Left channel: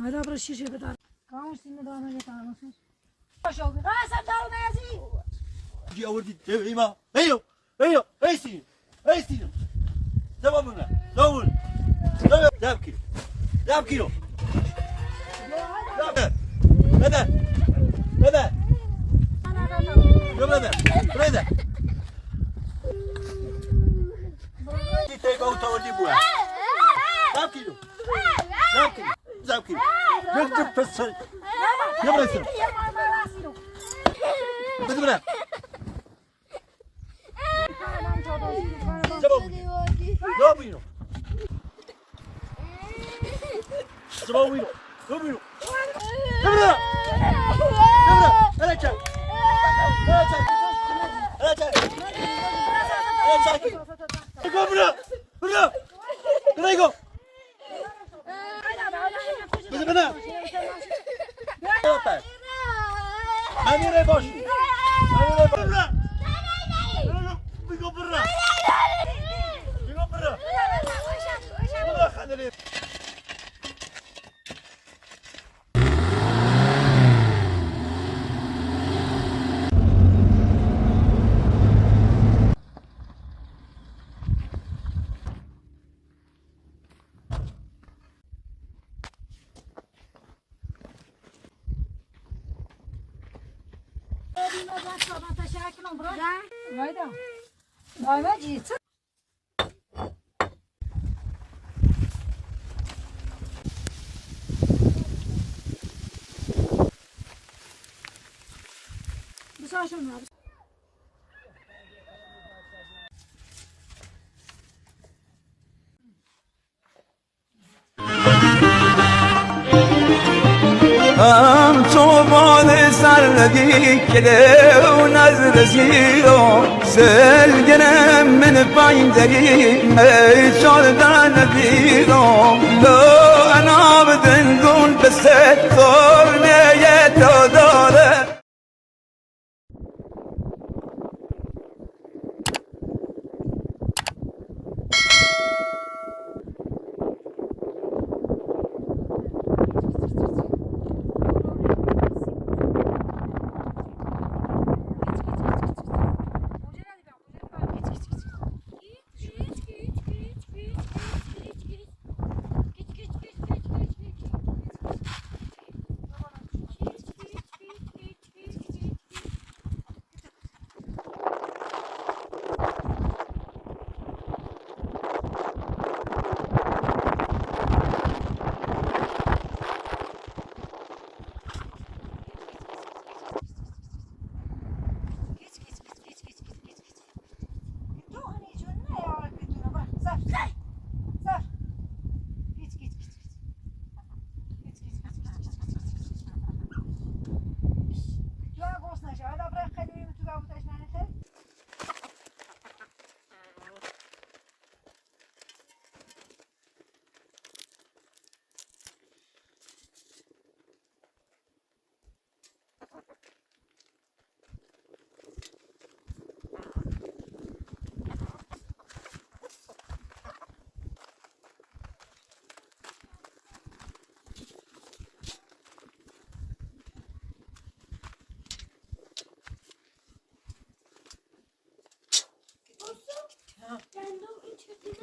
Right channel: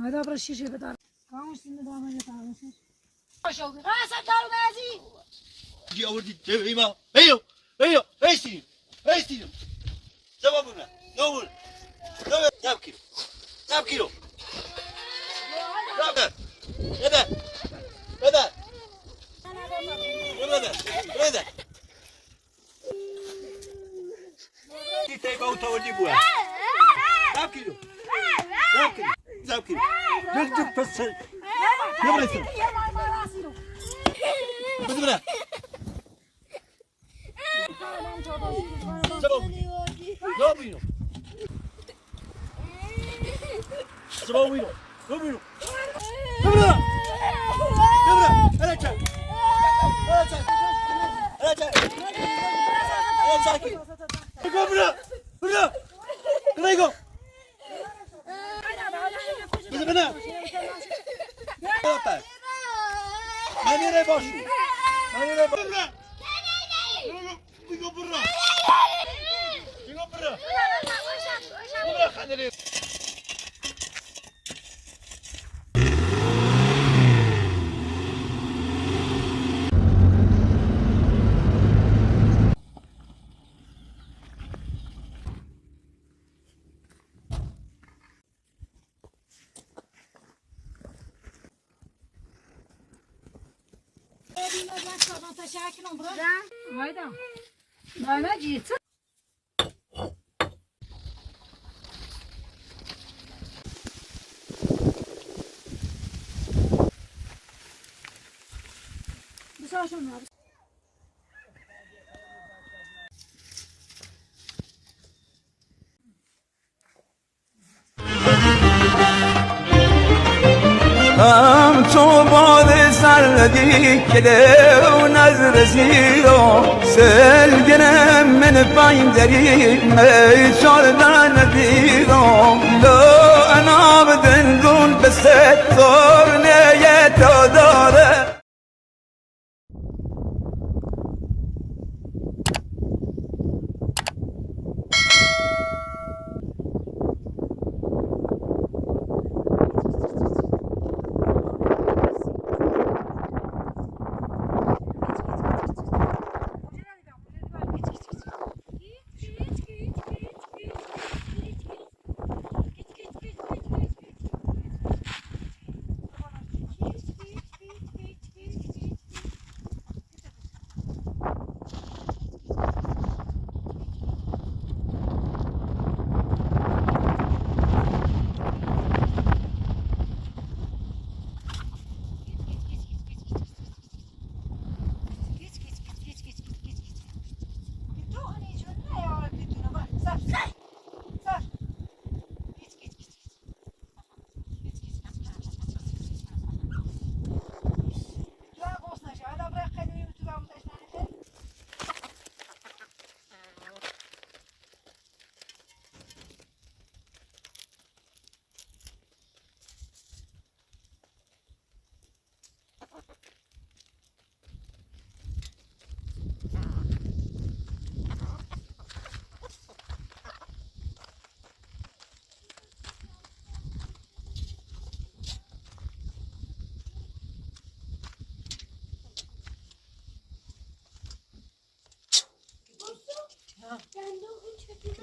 هذا برا الشيشة بتاع كم سنة دامه بتاع مثلا شو قاسم دارو مازي جي أوردي تبعيما أيو أيو أيستيني أيستيني زبا منا نقول زاب كيلو زاب كيلو زاب هذا هذا هذا هذا تيجي أو تودي بوها زاب كيلو زاب كيلو زاب كيلو نجد بس يلا يسوي بس بنا زبوينو زبوينو زبوينو زبنا زبنا أنا جاي أنا جاي أنا جاي أنا جاي زبنا زبنا كنايكو بس بنا طيب ماني ريباشو ماني ريباشو بيقو برا بيقو برا برا خليني أنا جيت بس عشان طوبى سردي كده ونزر زيرو سلقنا من باين دري ما شردان فيرو لو انا بدنقول بس الثورنا يتداره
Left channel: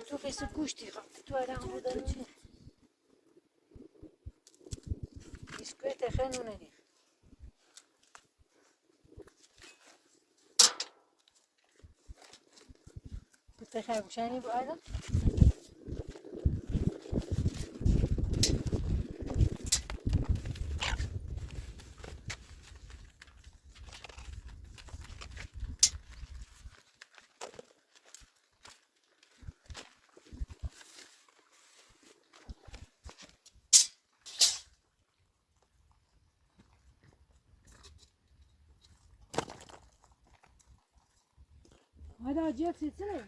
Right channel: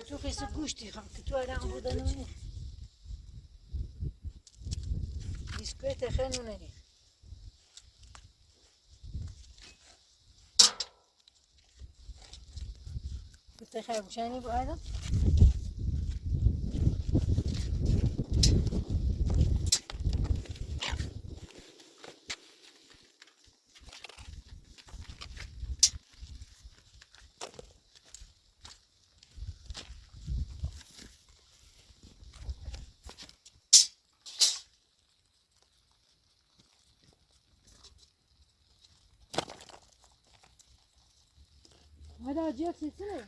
Tu fais ce couche, tu toi là en bout d'un an. Biscuit et خنوني. كنت خايف وشاني ابو ادم. هذا جيك سلسلة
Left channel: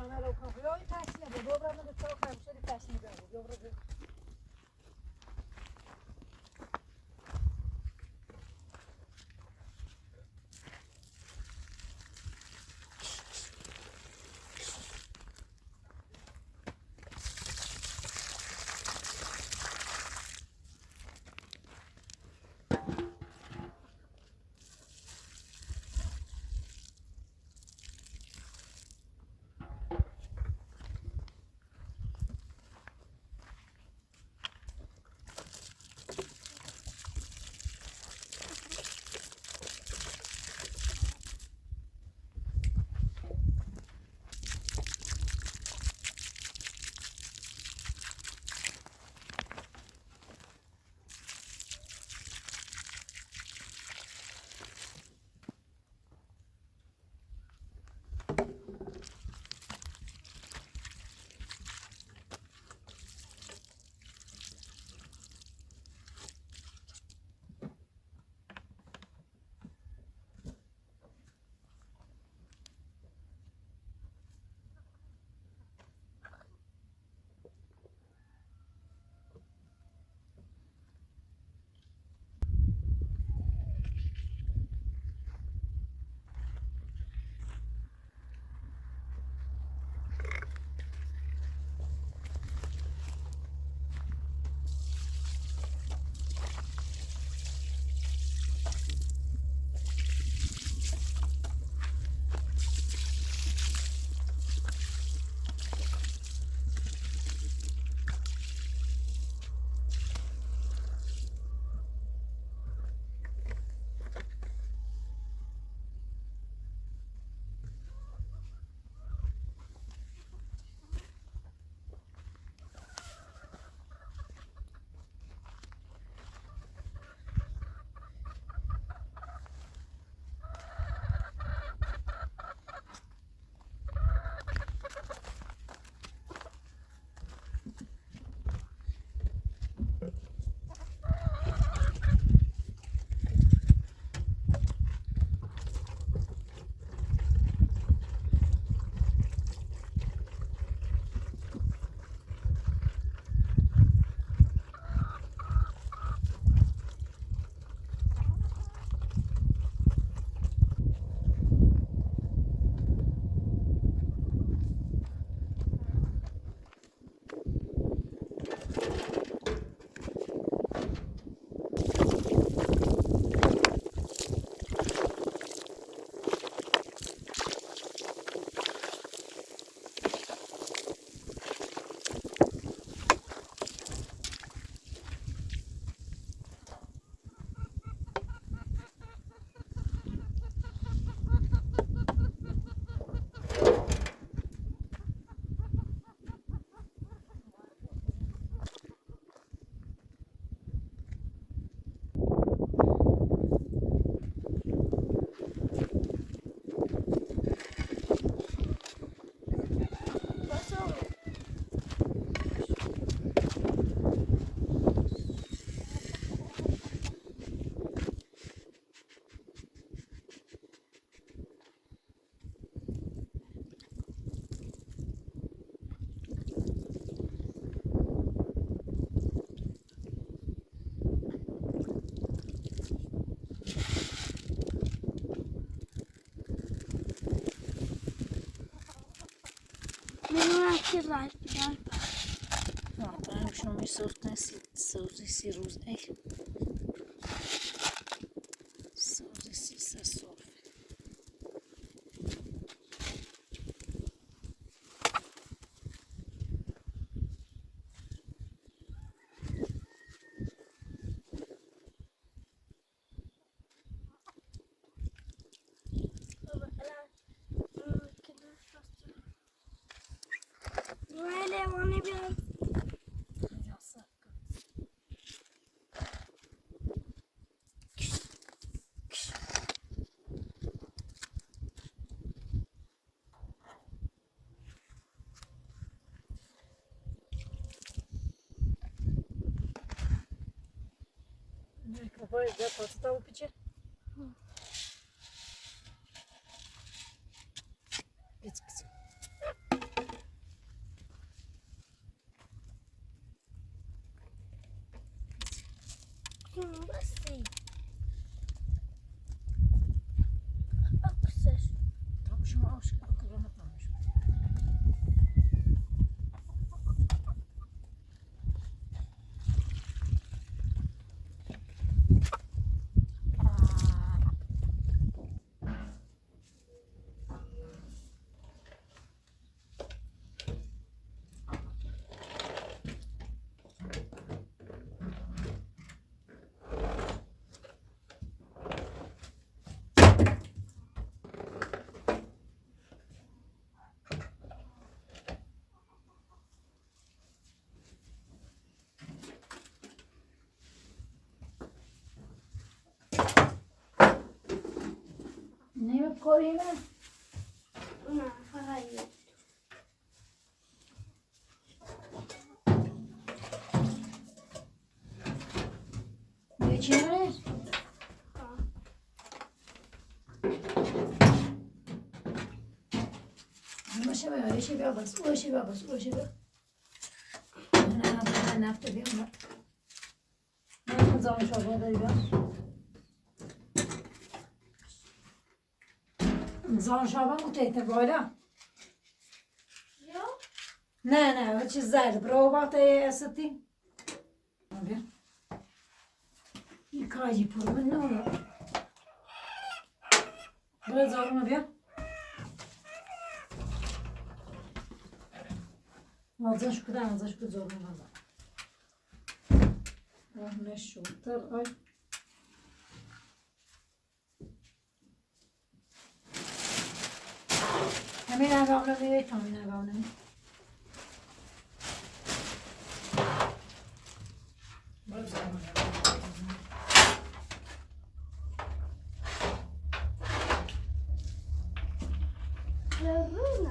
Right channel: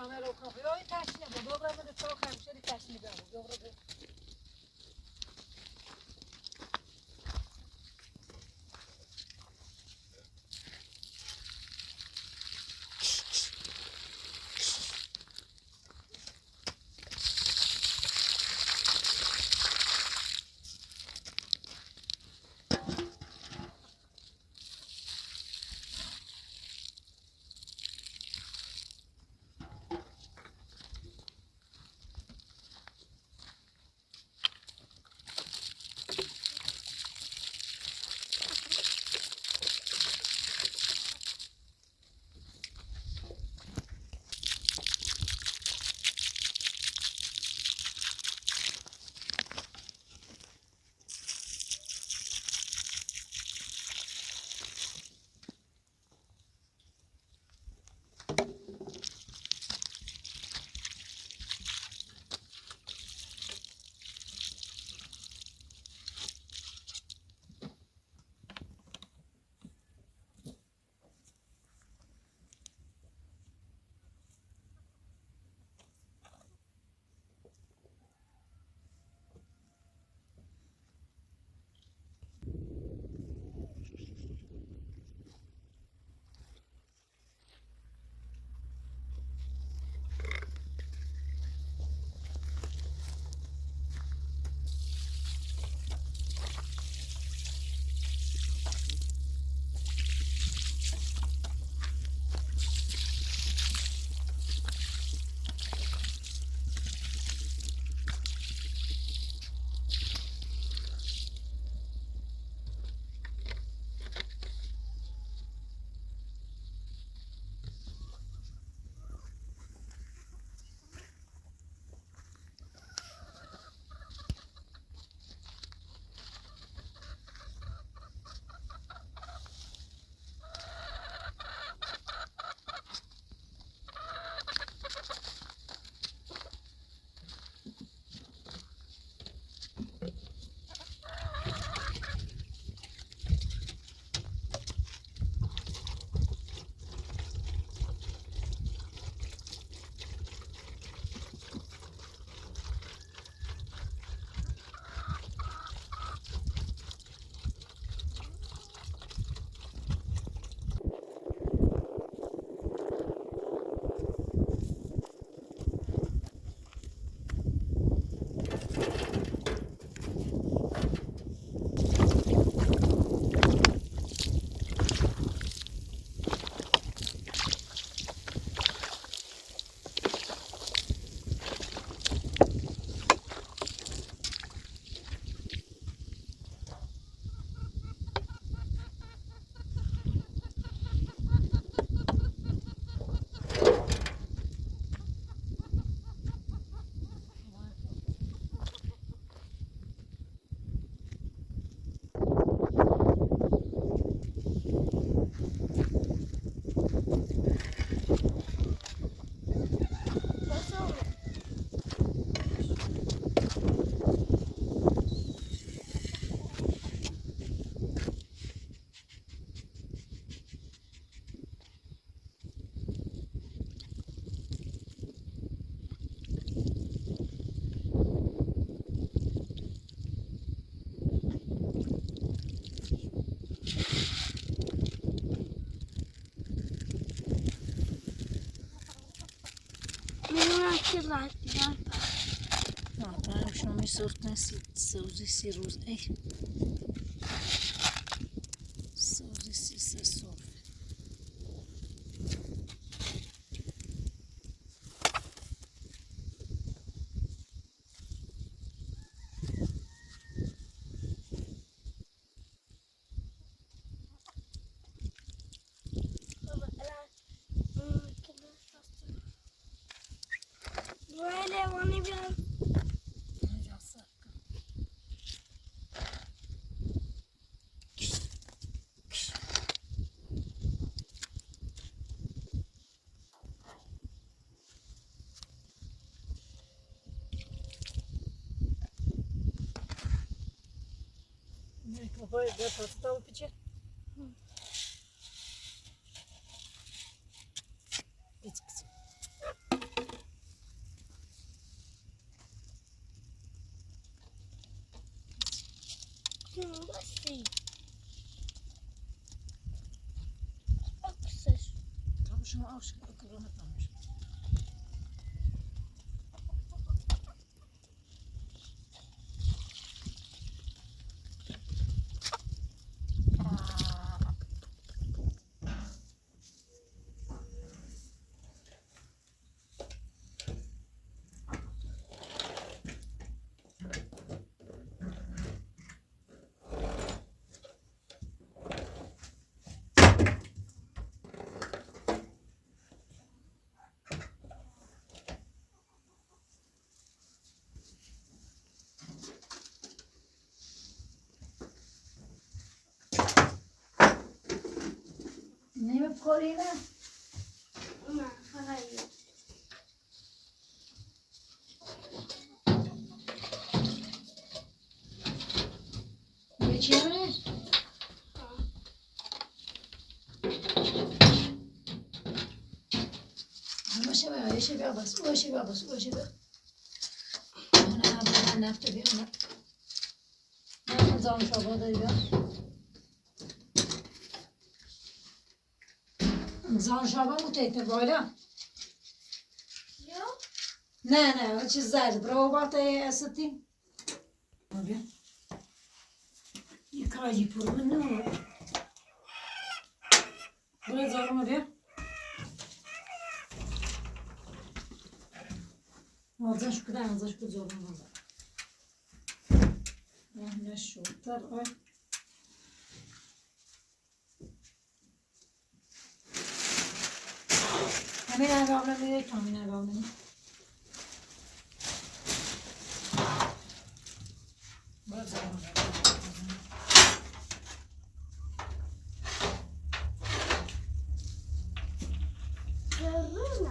Şamer o kapıyı o taşını bu. Dobra mı da çok kaymış öyle taşını bu. Dobra bu. Kırlar. No, to ja już mam sortne sousy różne. Sousy se sorf. Böyle onu bir Kafayı da tatlı tavuk içi. Geç kızım. بستی اکسش طب شما آفش کلام نمیشه. نمی‌کنی نه؟ نه فقط یه. چی می‌کنی؟ باشه بیا یه بیا بس باشه بیا بس باشه بیا نه نفت بیا نه زان شابه داری بیا زان شابه متیتر بالا یا نه چیز زرد برو باته استی بیا یه کاجی پر من نه برو زارونو بیا ازش کدام ازش که زارون نزن نشو تر آی همین عوام نمیده که همین عوام نمیده برو زارون زرونه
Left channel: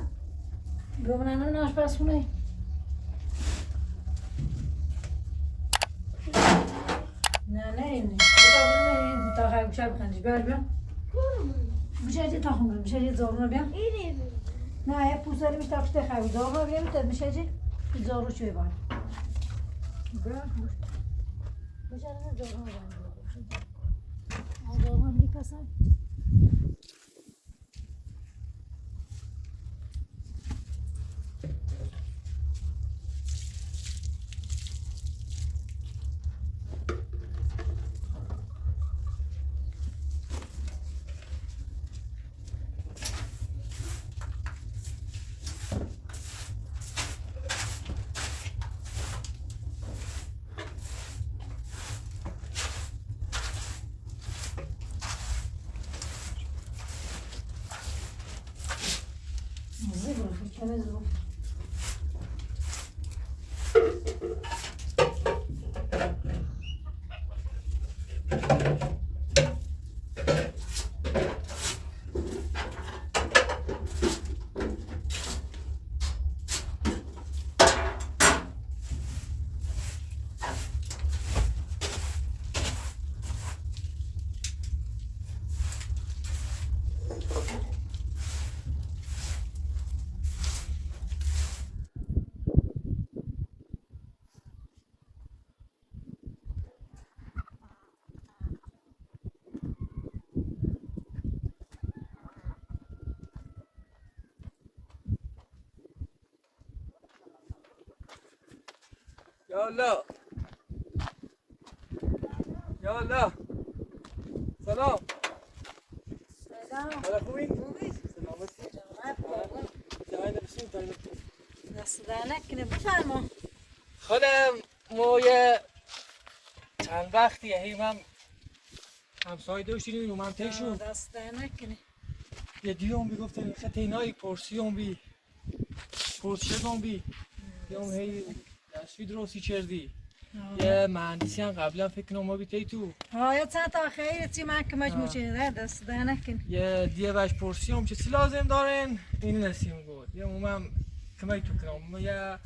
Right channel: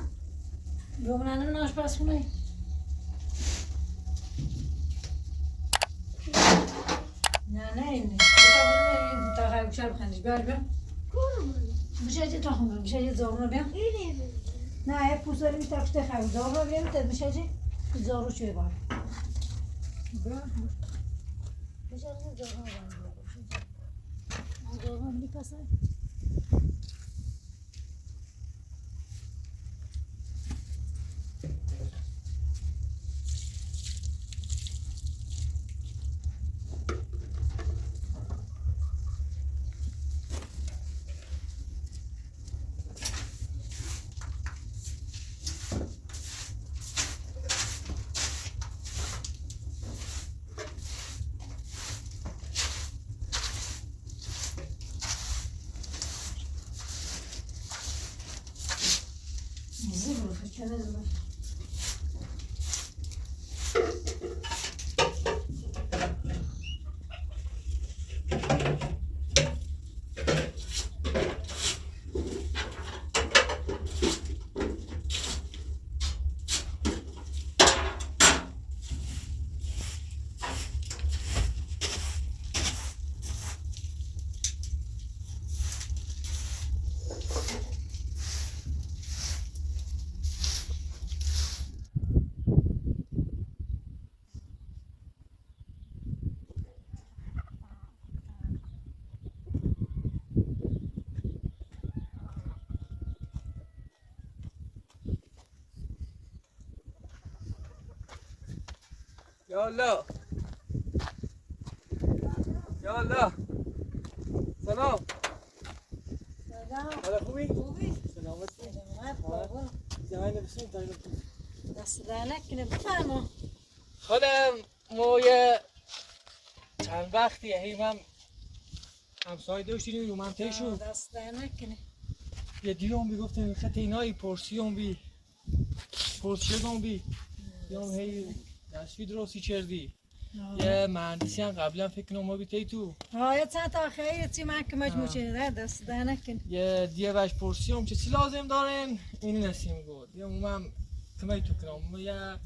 گمنانم ناش پسونه نه اینه تا خیلی بشر بخندش بر بیا بشه تا خمرم بشه زارون بیا اینه نه پوست داریم تا پشت خیلی زارون بیا میتد بشه زارو چوی بار بیا بشه زارون بیا زارون میپسه زبرو چنه زبرو یا الله یا الله سلام سلام حالا خوبی؟ خوبی؟ سلامتی سلامت بابا جهان بسیم تایید دست در نکنه بفرما خودم ما یه چند وقتی من همسایه داشتیم رو منطقه شد دست در نکنه یه دیوم بی گفتم خط اینایی پرسیوم بی پرسیوم بی دیوم هی دستوی درستی کردی یه مهندسی هم قبلا فکر کنم ما بیتی تو یا چند تا خیلی چی من که مجموع چیده دست در نکنه یه دیوش پرسیوم چه چی لازم دارن این نسیم گفت یه مومم کمی تو کنم یه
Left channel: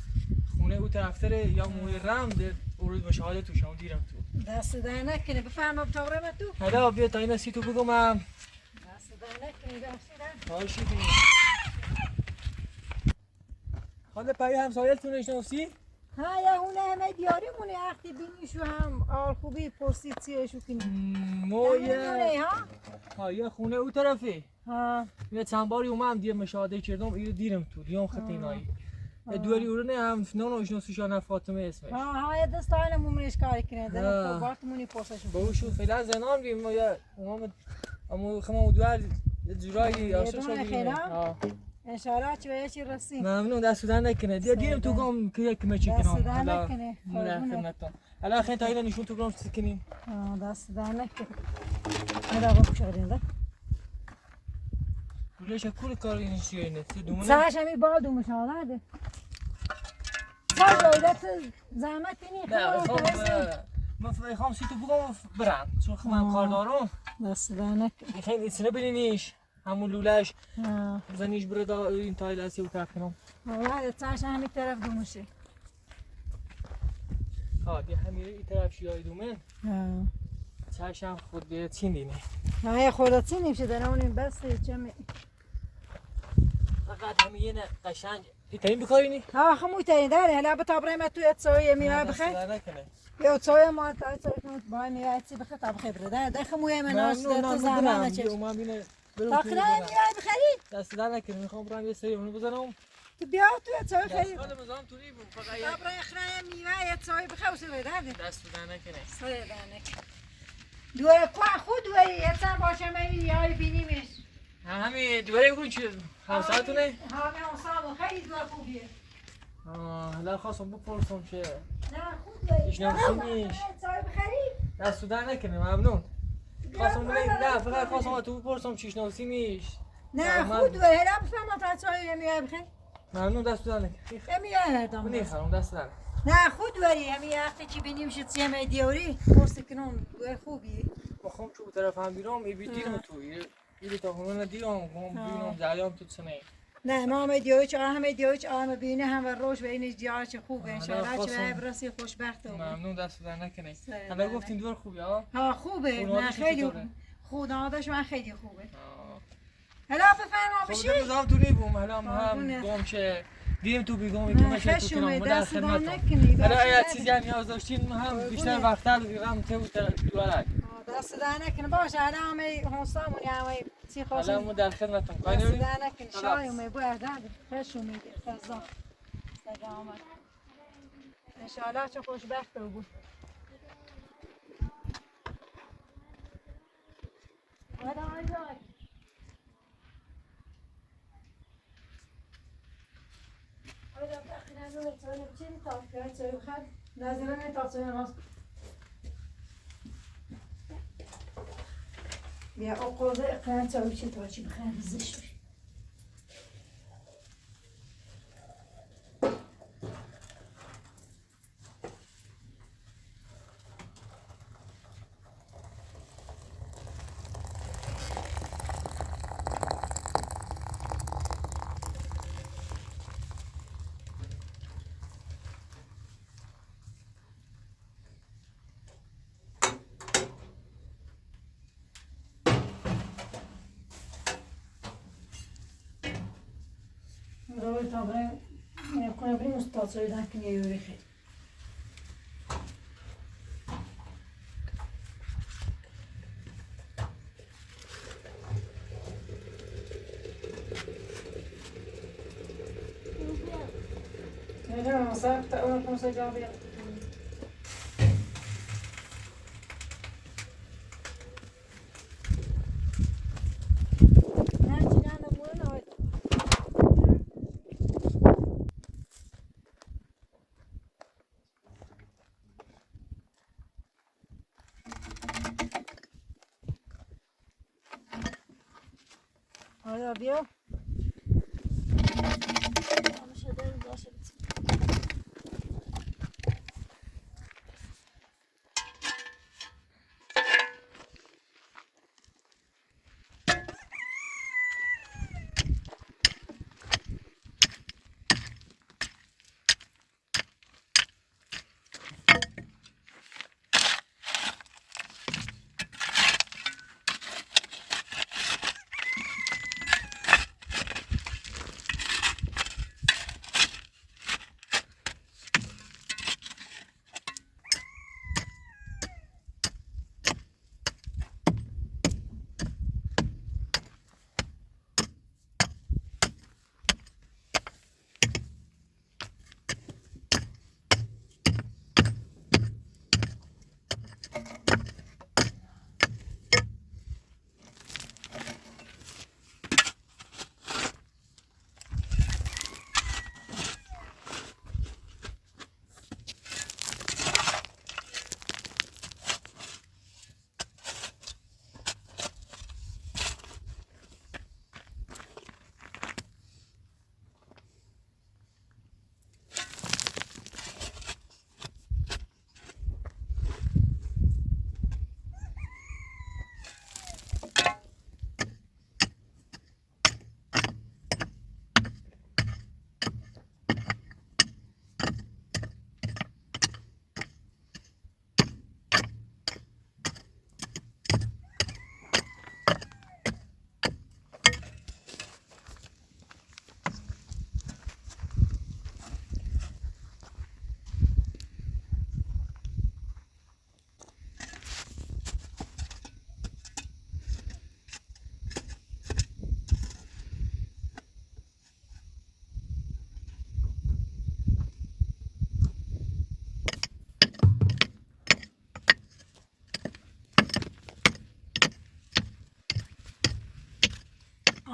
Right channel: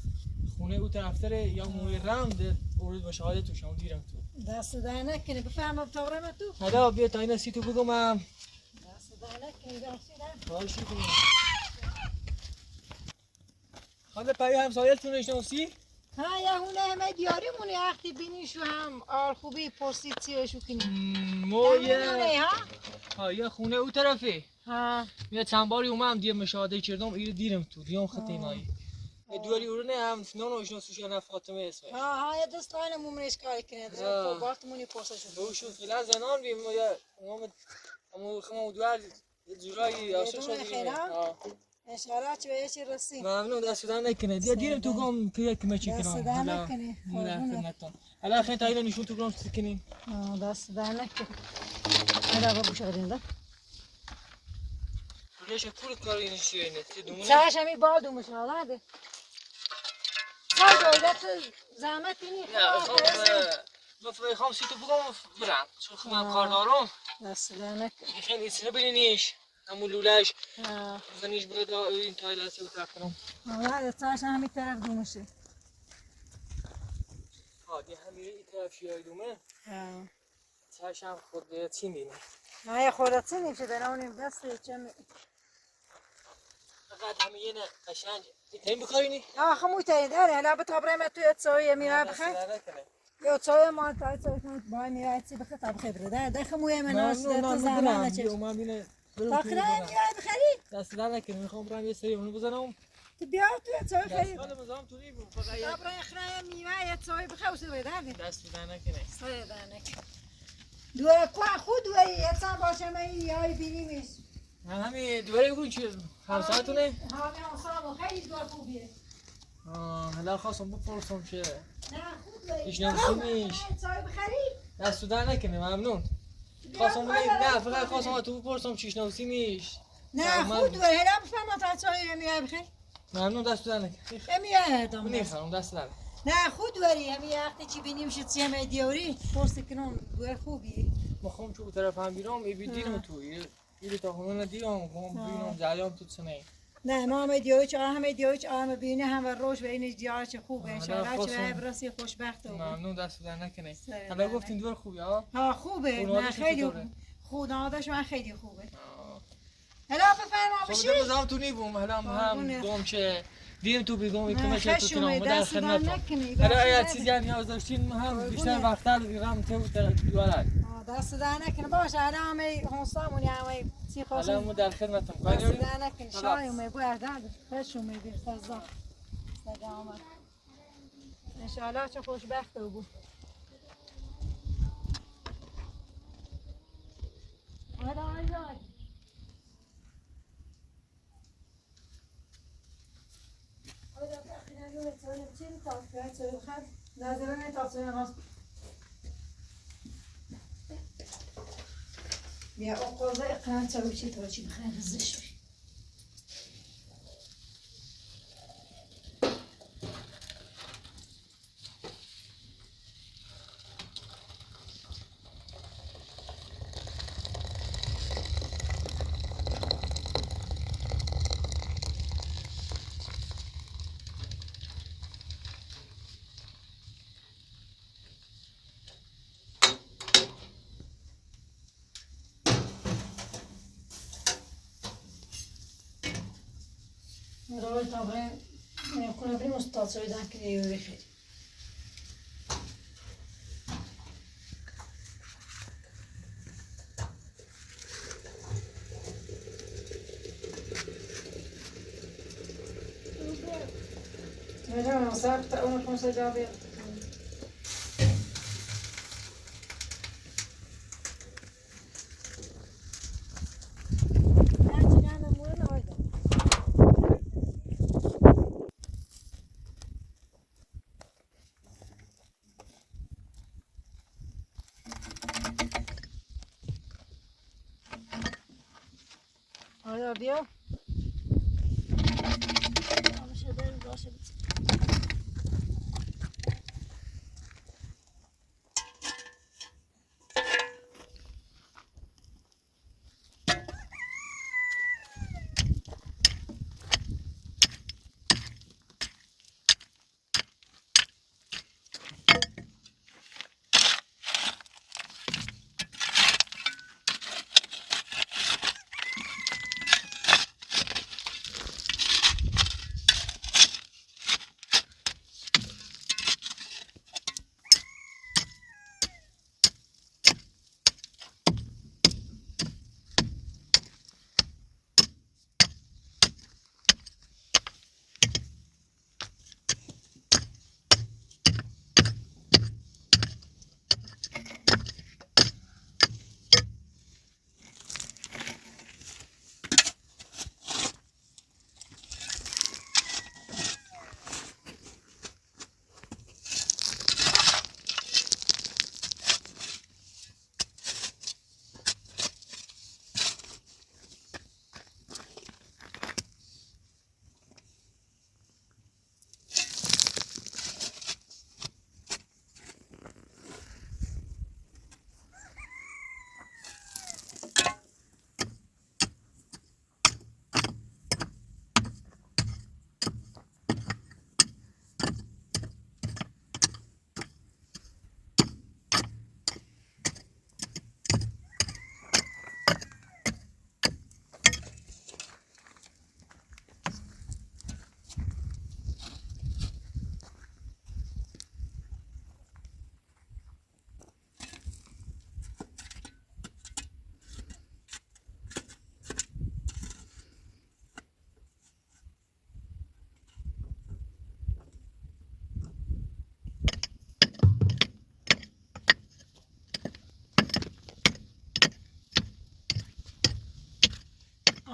خونه او طرفتره یا موی رمد اورد مشاهده تو شما دیرم تو دست در نکنه بفرما بتابرم تو هدا بیا تا این سی تو بگم دست در نکنه دست در خواهشی کنم حالا پایی همسایتون نشناسی؟ ها یا هونه همه دیاریمونه وقتی بینیشو هم آر خوبی پرسید چیشو کنی ما نه ها یه خونه او طرفه ها یه چند باری اومم دیگه مشاهده کردم اینو دیرم تو دیام خطینایی دوری اورو نه هم نونو شناسوشان فاطمه اسمش ها یه دستان مومنش کاری کنه در بارتمونی پرسشو با او شد فعلا زنان بیم ما یا اما خما دوار جورایی آسو شدیم ان شاء الله چه چی رسیم ممنون دست در نکنه دیگه دیرم تو گام که کمه چی کنم دست در نکنه حالا خیلی تا اینو نشون تو گام سکنیم دست در نکنه هذا بابا شغلين ده ليش كل كارين شيء نت دومنا ساعة شمي بعض ومشاهدة ساعة جودة زحمت نی لا خام سیتو بگم برم چون خودم کار دارم دست دهنک خیلی اسنه بینیش همون لولش زنیش برد این تایلاسی و تکنم والله ساعة همین طرف دومشه دی همیره این طرف شیای دومه ساعش هم خود چین دینه های خودت چی نیفته در اونیم بس چم فقط همین قشنگ تیم بکارینی ها خمو تاین داره هلا بطابره ما توی تسوی میره بخیر یا تسوی ما تا تسوی کنم با میره چی بخیر تا بخیر بره ده خمو من ناس تو زمان چه ما بینه تاخره میای بخری دست در نکنه میخوام برم یه سری اونو بزنم تو بیا تو تسوی خری حالا مزام تو نیبم فقط طابره خره میوه تسوی بخیر وسیله ده دست در نکنه تسوی ده نکنه دو کوه خود و یه سر باشه من یای بینیمش همین دوباره بگوین چه همسرتونه؟ همه همسرم خیلی دور خوبیه حالا خواستم بپرسم چه نه خود و ایش نمسیمیش چای بخری؟ دستو در نکنه ممنون خواستم نه فقط خواستم تو بپرسم چیش نمسیمیش نه خود و هلا بفهم تا چای میای بخیر ممنون دستو در نکنه میای دام نیخرم دست در نه خود وری همین وقتی چی بینیم شد سیمه دیوری پرس کنم دور خوبیه بخوام چوب طرف هم بیرم ای بیدیرم تو ایلی تا همون دیرم بینم جریان تو سنه نه ما هم دیوری چه همه دیوری چه همه بینه هم روش و این دیار چه خوبه ان شاء الله چه برسی خوشبخت ممنون دست در نکنه حالا گفتین دور خوبی ها خوبه نه خیلی خدا داشت من خیلی خوبه حالا بفرما بشی خب بزام تو نیبم حالا هم دوم چه دیدم تو بیگم میکنم چه تو کنم در خدمتم حالا اگه چیزی نیاز داشتین هم بیشتر وقت رو تو دورک دست در نکنه باشه حالا همه هنسامون همه چی خواستم حالا در خدمتم دست در نکنه شای اومه باید خوش اومده فضا سلامت انشاءالله چه خوشبخت بود بیا اقوزه اقران چاوی چی تو چی بخیر زش Dobre, dobre. Ako ne brinu staco i dan knije u vihri. Vediamo, sapta una conseggiabile. Olha, viu? Vamos chegar em baixo.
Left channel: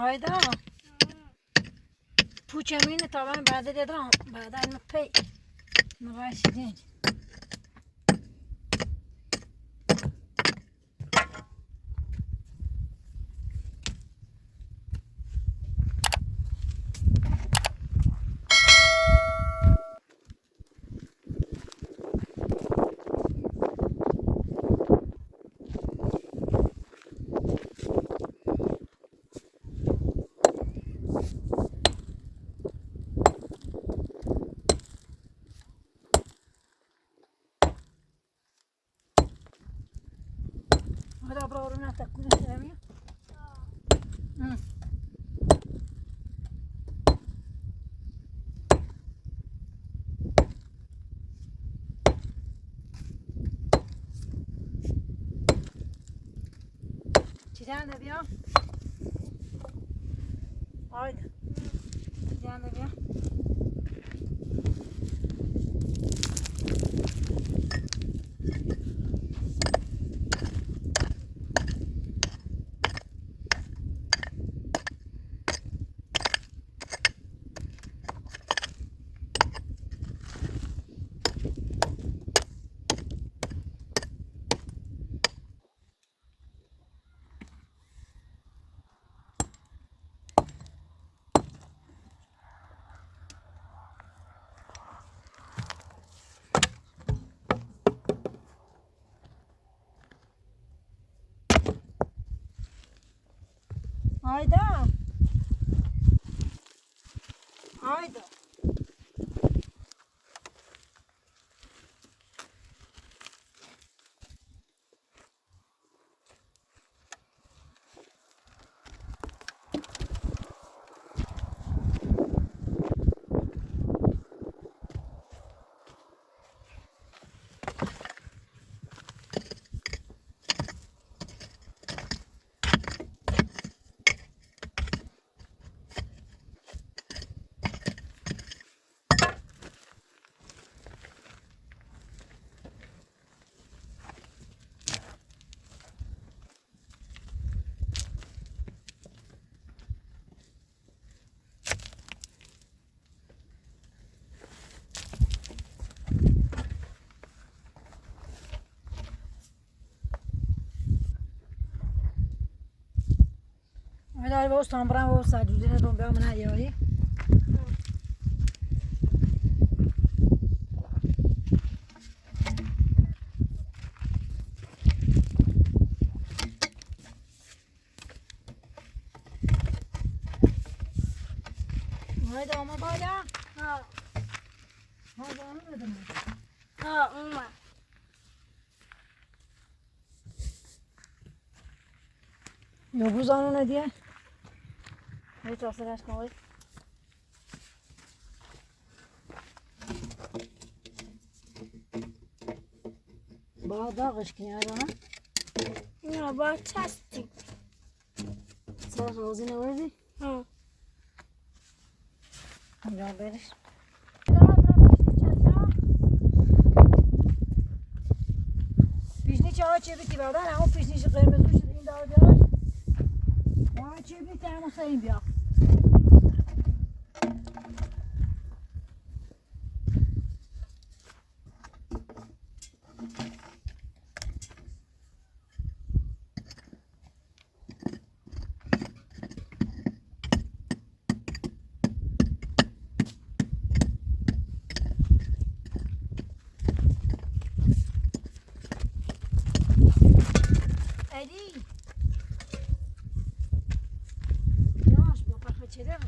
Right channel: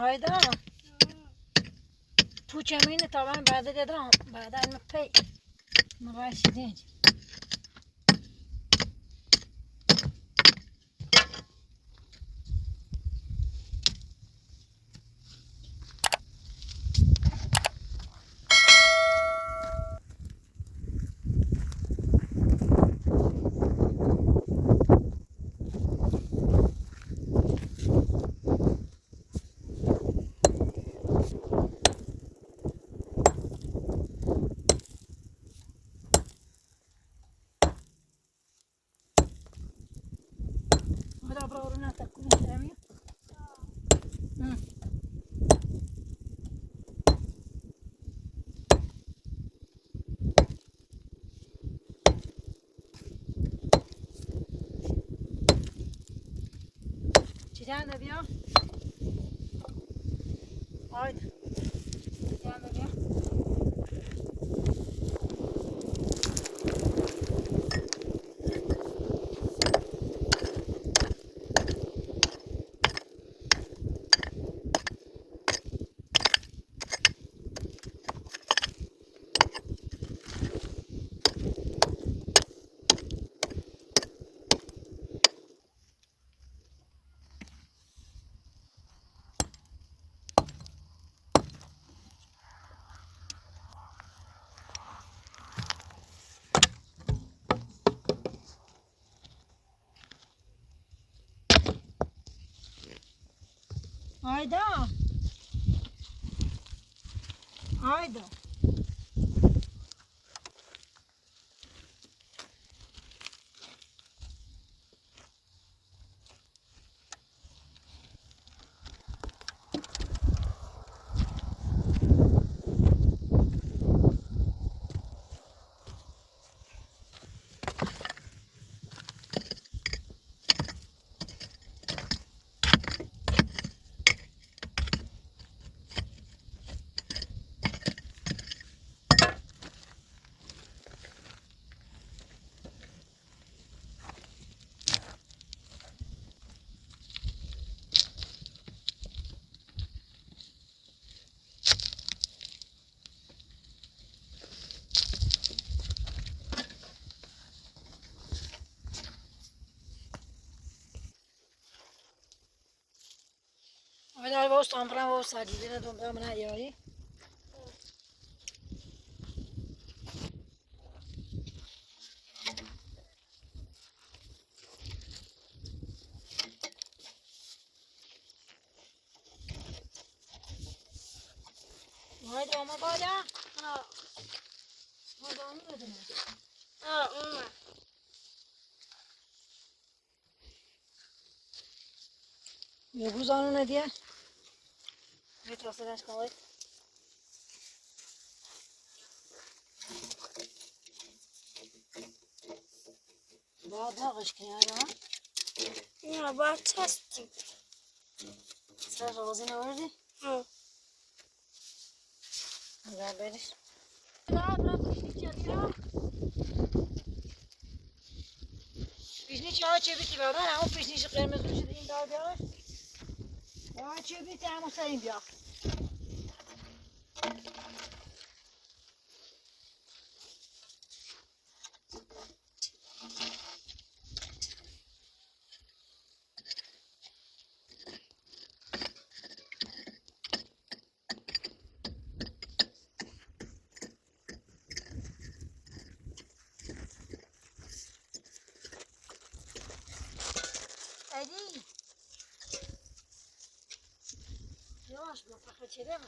هایدا پوچمینه طبعا بعد دیدم بعد علم پی نباشیدین هذا برورنا تكون سامي چیزان بیا آید چیزان بیا آیدا آیدا آیدا باش تامبران و ساجیدین دنبال من هیاری آیدا ما بالا ها آیدا اون بدونم ها اومد نبوز آنو ندیه یه تاثیرش کنه با داغش کنی آیدا نه با چستی سر روزی نوردی ها یا برش برام پیشنی چه بیا پیشنی چه ها چه بیتی بادن همون پیشنیش قرمزون شده این دار بیاش ها چه بیتی همون خیلی بیا ادی یاش با پخه چرا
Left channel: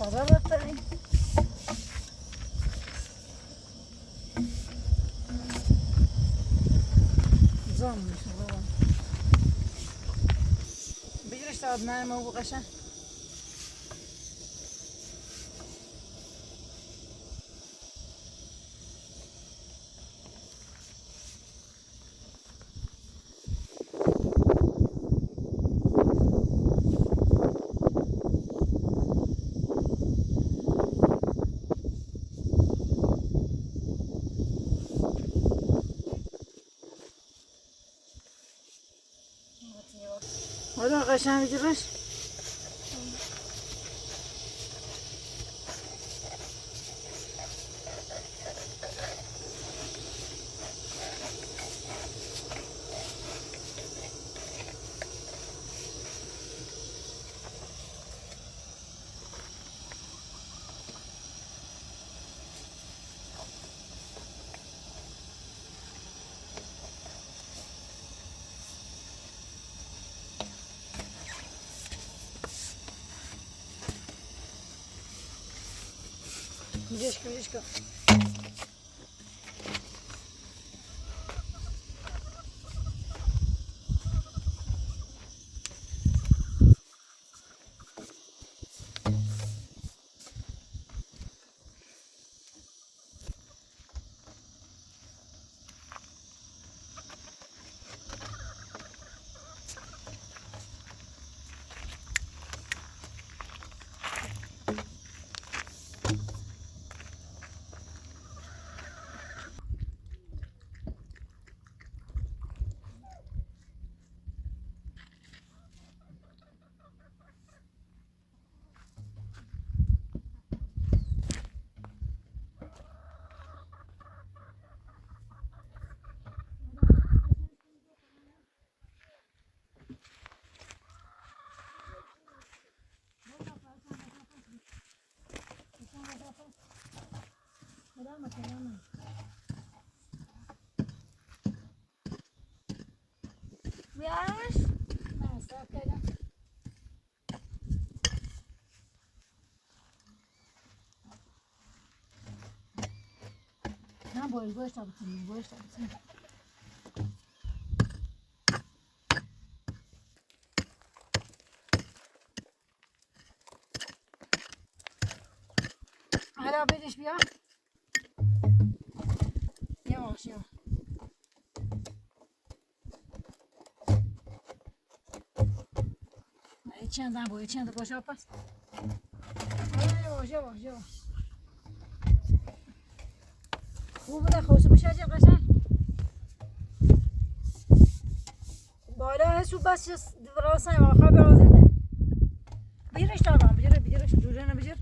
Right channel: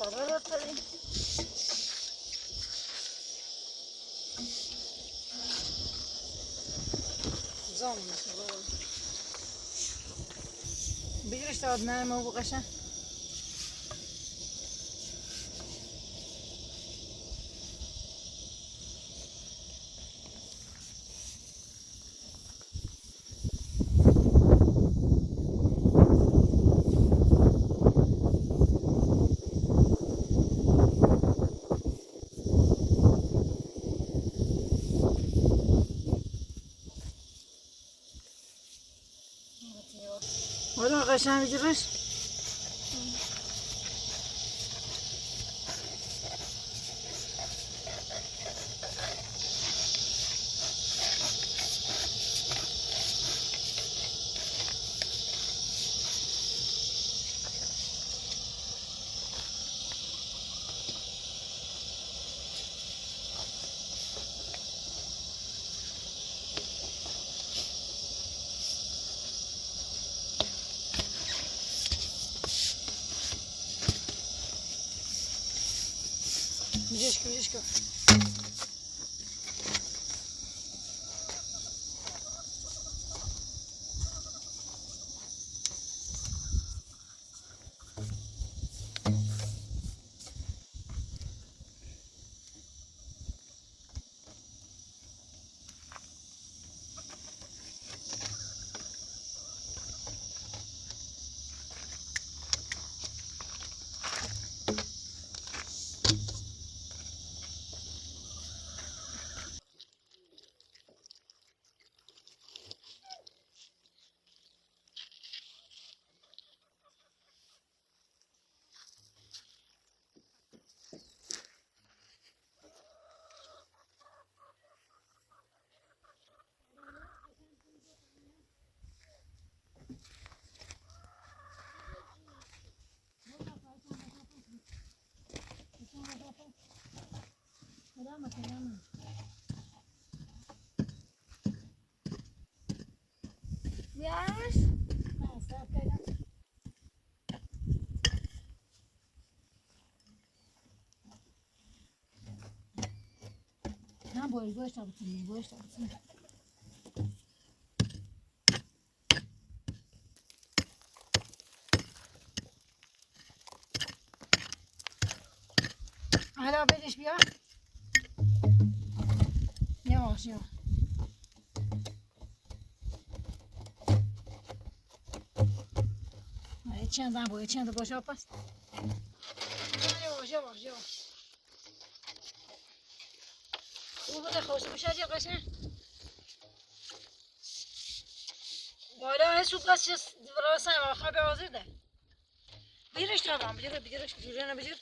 برات زام میشه بابا بگیرش داد نرمه و قشنگ قشنگ بگیرش میجش کن بیارش مصرف کردم نه باش تا بتونیم حالا بدش بیا یواش چند باشه پس یواش خوب بوده خوش بشه جیب قشنگ بالا هست بس چیز راسته و خواب آزرده بگیرش دادم بگیرش دوره نبگیر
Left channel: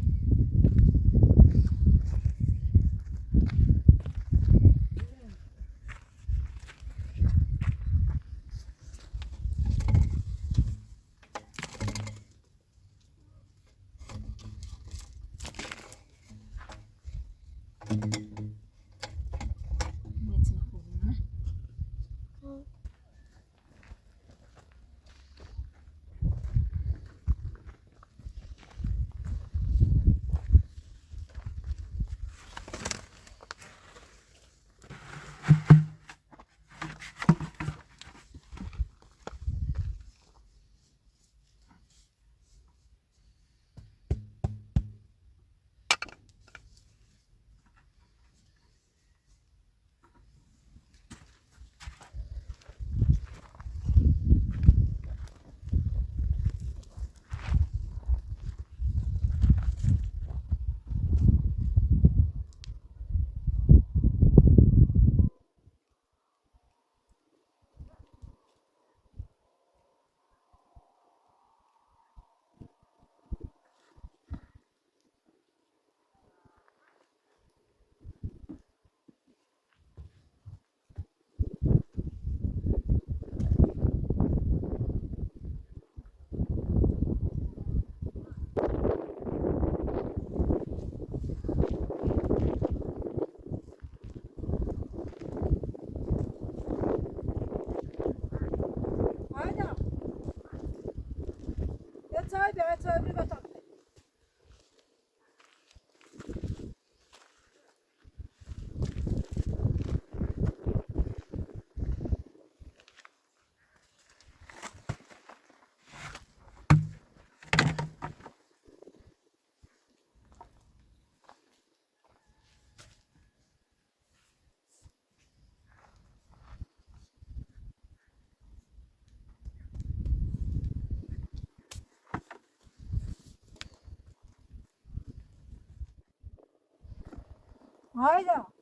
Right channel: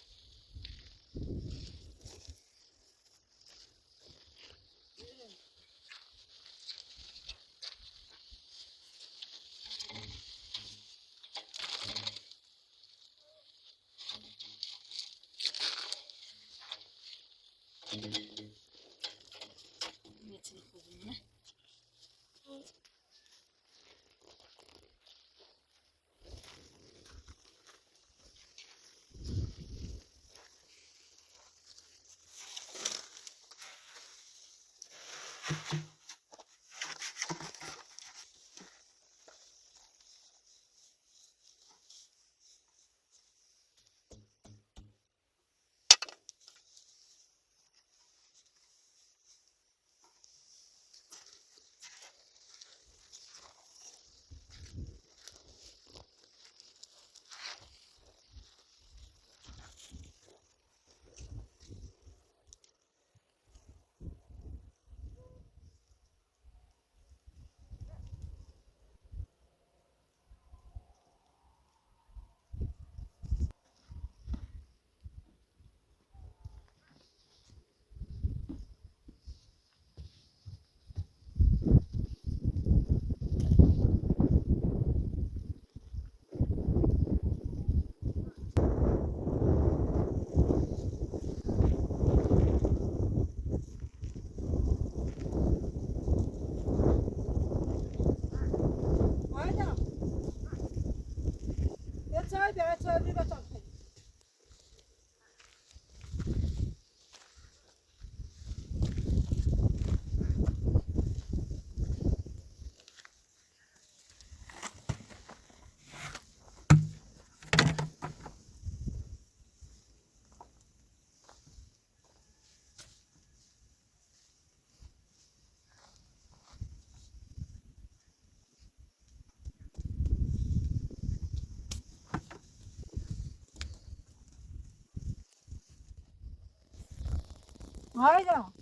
Hayda.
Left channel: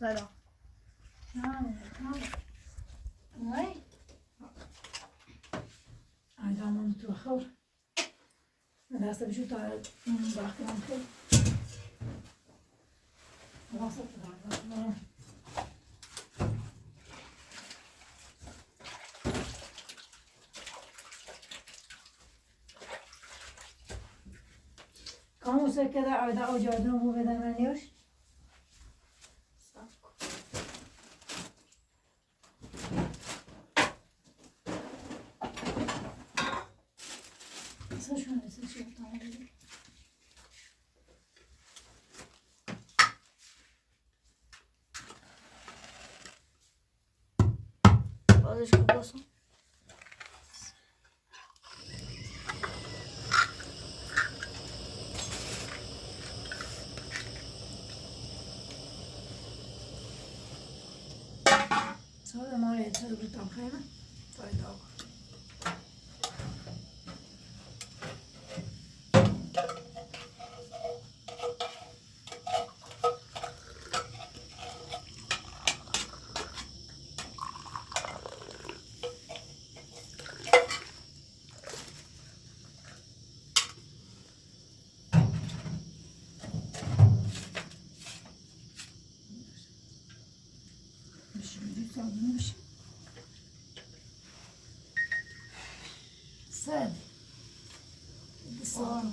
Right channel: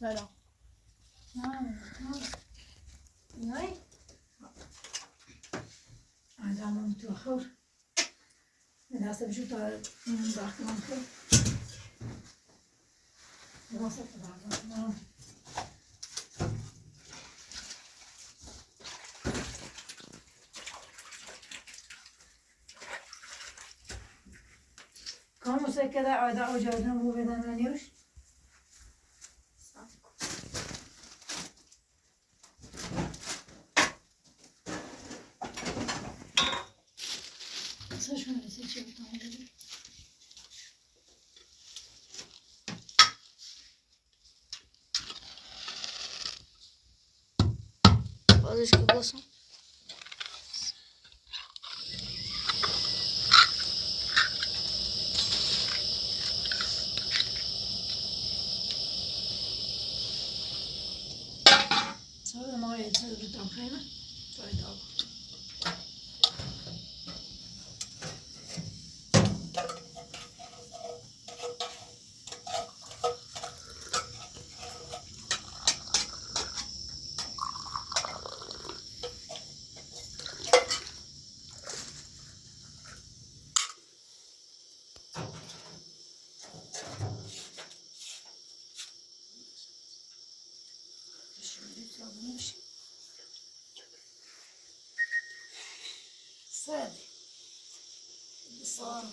سلام. نه. عندهم متوخر. من هسه بشوف داخل ممكن. وصلت بعد. كم كذا عادة أوجادنا مو بدنا نيوش. Bozes que gostam. صار ما يصير بتمخينه. طيب أبغى. سادة بالصوان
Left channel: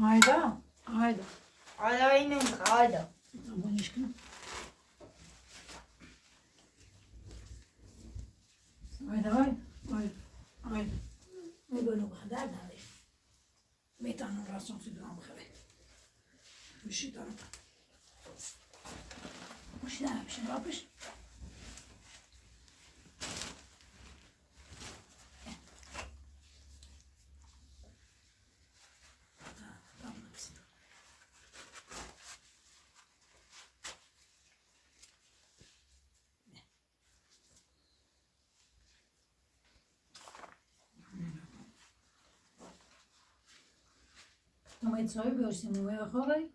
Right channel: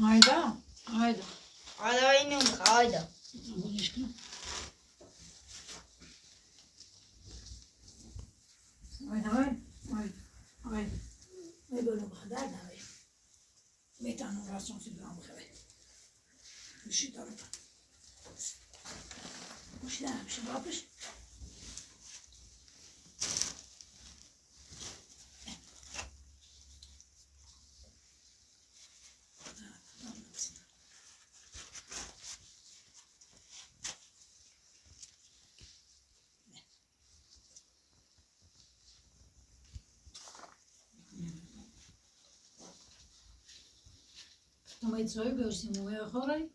هايدا هايدا هذا ينوم هذا. أبغى نشكله هايدا هايدا هايدا هايدا ما يقولوا بخدار هاي ميتان راسهم في الدرام بخبي مشي طرف مش لا مش رابش ما يتسوي بيوسي مو يا خوري